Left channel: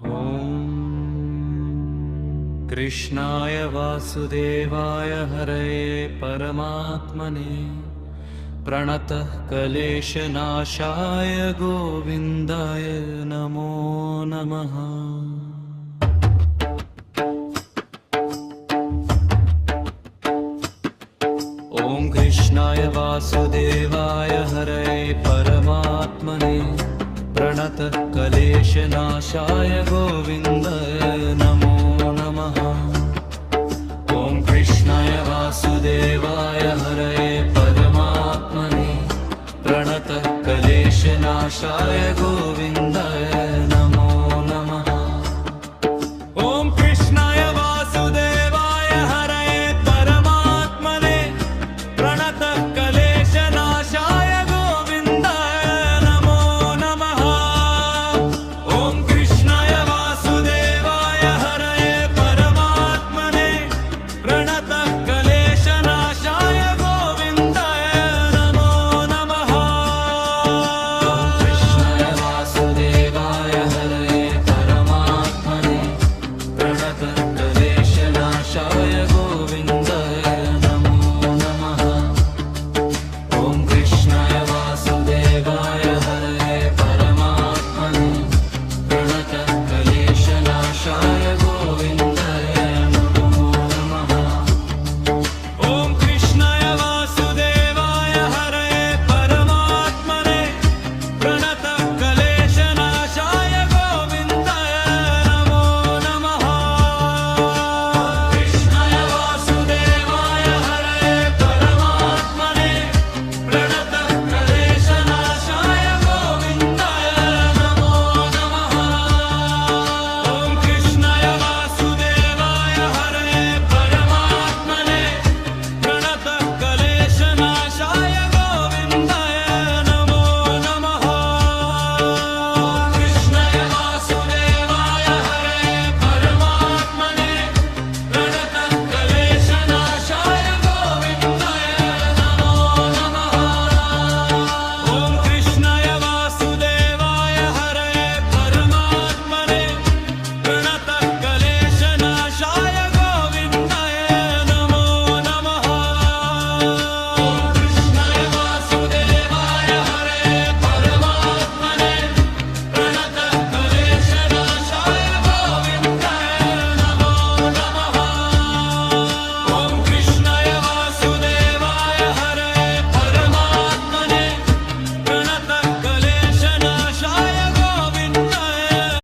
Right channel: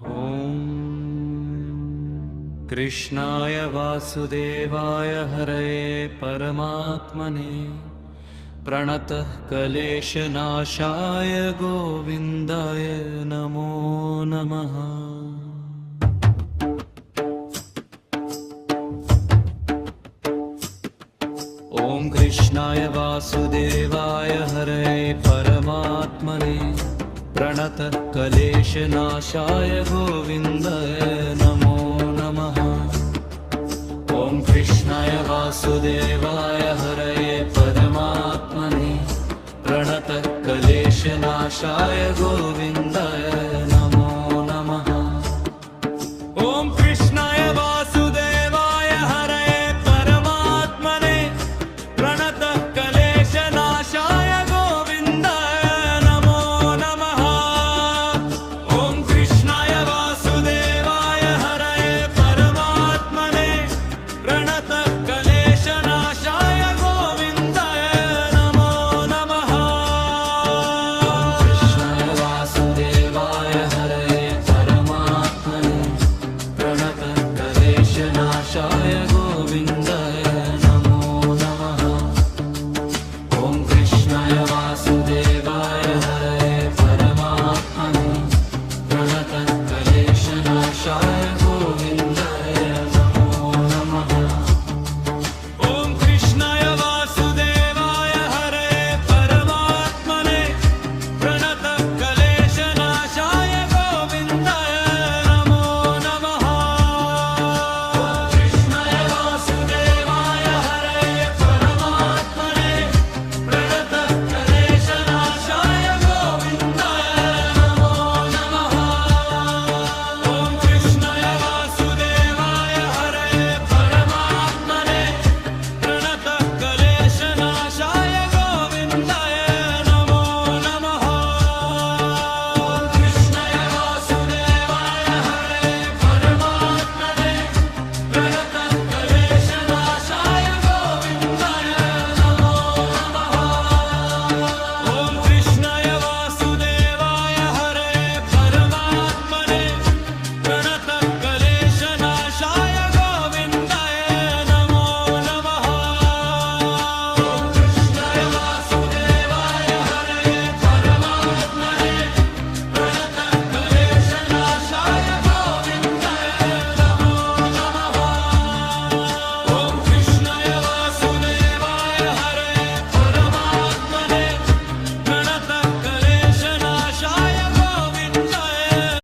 ॐ कृष्णाय वासुदेवाय हरये परमात्मने प्रणतः क्लेशनाशाय गोविन्दाय नमो नमः। ॐ कृष्णाय वासुदेवाय हरये परमात्मने प्रणतः क्लेशनाशाय गोविन्दाय नमो नमः। ॐ कृष्णाय वासुदेवाय हरये परमात्मने प्रणतः क्लेशनाशाय गोविन्दाय नमो नमः। ॐ कृष्णाय वासुदेवाय हरये परमात्मने प्रणतः क्लेशनाशाय गोविन्दाय नमो नमः। ॐ कृष्णाय वासुदेवाय हरये परमात्मने प्रणतः क्लेशनाशाय गोविन्दाय नमो नमः। ॐ कृष्णाय वासुदेवाय हरये परमात्मने प्रणतः क्लेशनाशाय गोविन्दाय नमो नमः। ॐ कृष्णाय वासुदेवाय हरये परमात्मने प्रणतः क्लेशनाशाय